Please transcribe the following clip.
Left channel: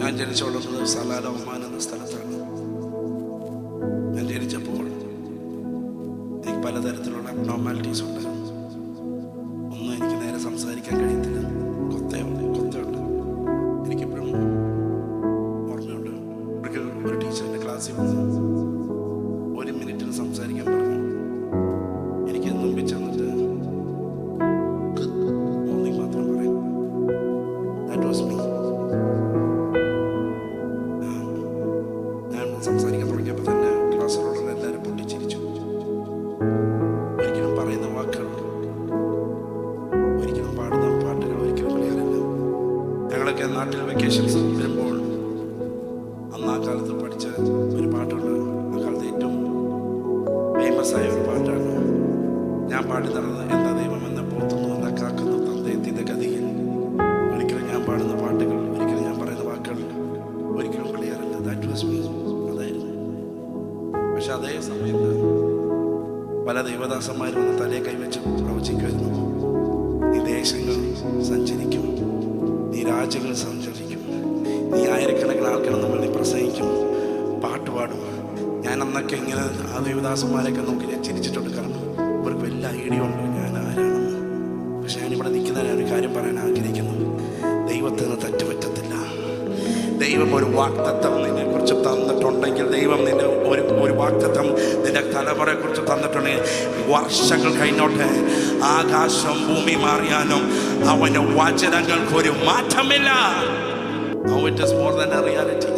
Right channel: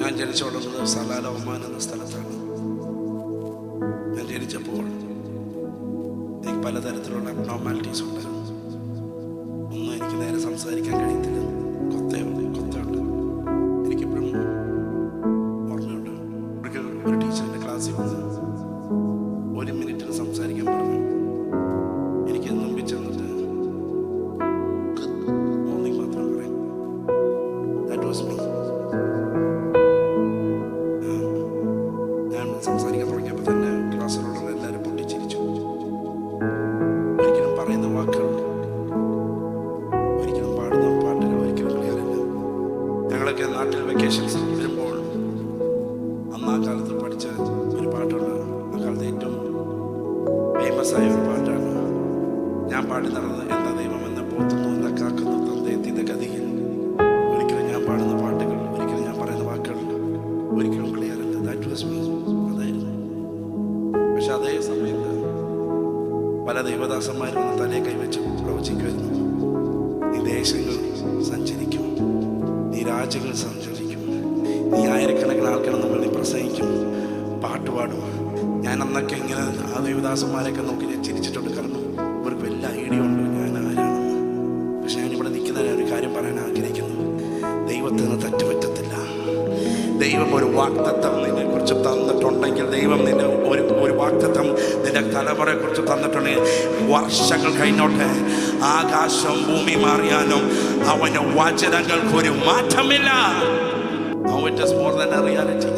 ഞാൻ ജനിച്ചു വളർന്നത് സലാല ഒമാൻ എന്ന സ്ഥലത്താണ്. ഞാൻ ജനിച്ചപ്പോൾ എനിക്ക് പലതരത്തിലുള്ള അബ്നോർമാലിറ്റീസ് ഉണ്ടായിരുന്നു. ഒന്നും എനിക്ക് നേരെ സംസാരിക്കാൻ കഴിയത്തില്ല. കൊത്തയുണ്ട്. എനിക്കെപ്പോഴും ഓർമ്മയുണ്ട്, ഒരു ടീച്ചറിൻ്റെ ക്ലാസ്സിൽ വന്ന് 1 മിനിറ്റിന് സംസാരിക്കാൻ പറഞ്ഞു. എനിക്ക് മുമ്പിൽ ചെന്നിട്ട് മാത്രം പറയും. That was me. ഞാൻ സംസാരിക്കാൻ തുടങ്ങിയപ്പോൾ തന്നെ ക്ലാസ്സിലുള്ള എല്ലാവരും പൊട്ടിച്ചിരിച്ചു. ഒരിക്കലും പറയുന്ന വാക്കുകൾ, ഒരിക്കലും പാടുന്ന പാട്ടുകൾ ഒരിക്കലും ക്ലിയറില്ല. ഞങ്ങളൊക്കെ നാട്ടിൽ വെക്കേഷൻസ് വരുമ്പോൾ അന്ന് ആ കാലത്ത് പഠിച്ച ഒരു പാട്ടുണ്ട്. ആ കാലത്ത് ഏറ്റവും ഫേമസ് ആയ ഒരു പാട്ടാണ്. ഞാൻ പാടി നടന്നത് എന്താ ദൈവം എന്നെ പോത്തുന്നു എന്നെ കാക്കുന്നു തന്തയെത്തിയ ഗതിയിൽ. ഒരിക്കലും ഞാൻ പാടുന്ന പാട്ടുകൾ, ഒരിക്കലും ഞാൻ പറയുന്ന വാക്കുകൾ ഒരിക്കലും ക്ലിയറില്ല. That was me. അതായിരുന്നു. പക്ഷെ അതേ സമയത്ത് പല ദൈവദാസന്മാരും വന്ന് തലയെ കൈവച്ച് പ്രവചിക്കുമായിരുന്നു. നീ ദേശങ്ങൾ സഞ്ചരിക്കും, നീ രാജ്യങ്ങൾ സഞ്ചരിക്കും, നീ ആയിരക്കണക്കിന് ആൾക്കാരുടെ മുമ്പിൽ നീ പ്രസംഗിക്കും, പാട്ടുപാടും. ഞാൻ അന്നൊക്കെ ഇങ്ങനെ ആ ദൈവദാസന്മാരെയൊക്കെ നോക്കി ഞാൻ ചിരിച്ചിട്ടുണ്ട്. കാരണം ഇവർക്ക് വലിയ ഐഡിയ ഉണ്ട് ഞാൻ ആരാണെന്ന്. പക്ഷെ ഞാനിവിടെ നിൽക്കുന്ന ഒരു കാര്യം പറയാൻ ആഗ്രഹിക്കുന്നു. ദൈവത്തിന് തെറ്റുപറ്റത്തില്ല. ദൈവം ഒരു വാഗ്ദത്തം നിന്നെ കുറിച്ച് തന്നിട്ടുണ്ടെങ്കിൽ, ദൈവം നിന്നെ ഒരു വാഗ്ദത്തം നിന്റെ തലമുറയെക്കുറിച്ച് തന്നിട്ടുണ്ടെങ്കിൽ, വർഷങ്ങൾ കഴിഞ്ഞോട്ടെ, ആകാശം ഭൂമി മാറിയാലും അവൻ്റെ വചനങ്ങൾക്കൊരു മാറ്റമില്ല. Now it is more than a reality.